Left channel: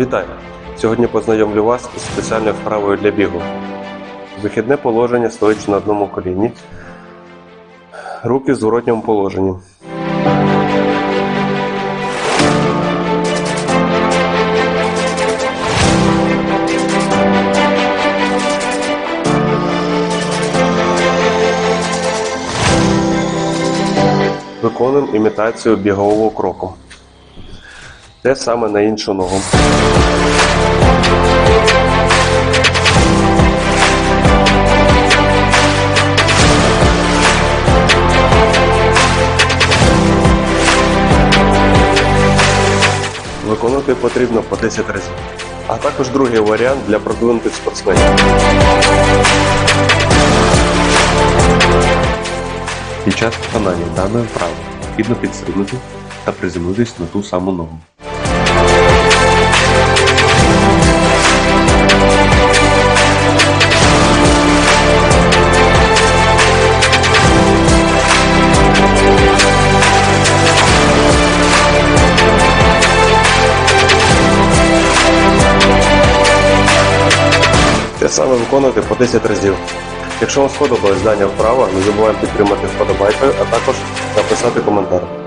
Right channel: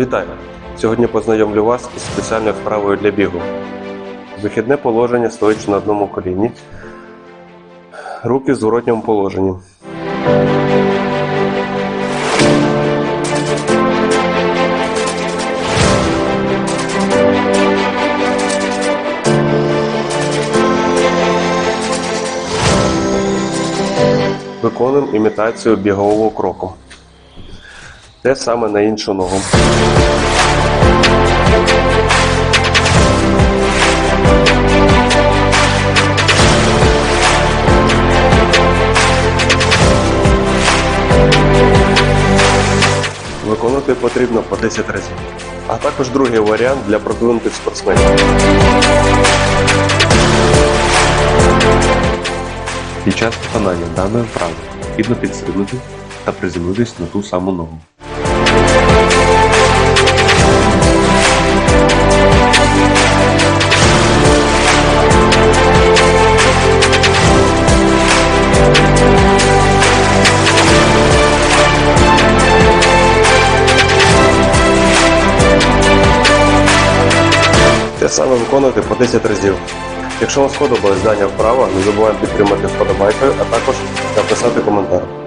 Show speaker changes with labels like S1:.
S1: Вітаю! Сьогодні познайомлю вас із спеціальною вправою для бігу. Вихідне положення стоячи на одному коліні. Руки в зворотньому положенні. Виконуємо імітацію бігового кроку. Те саме на іншу ногу. Виконувати потрібно по 10 разів. А також другий варіант для продвинутих спортсменів.
S2: Під час виконання даної вправи необхідно підстрибнути та приземлитись на ту саму ногу.
S1: Те саме виконувати по 10 разів. Якщо вам сподобалось дання вправа, не забуваємо підтримати вподобайкою, а також написати коментар.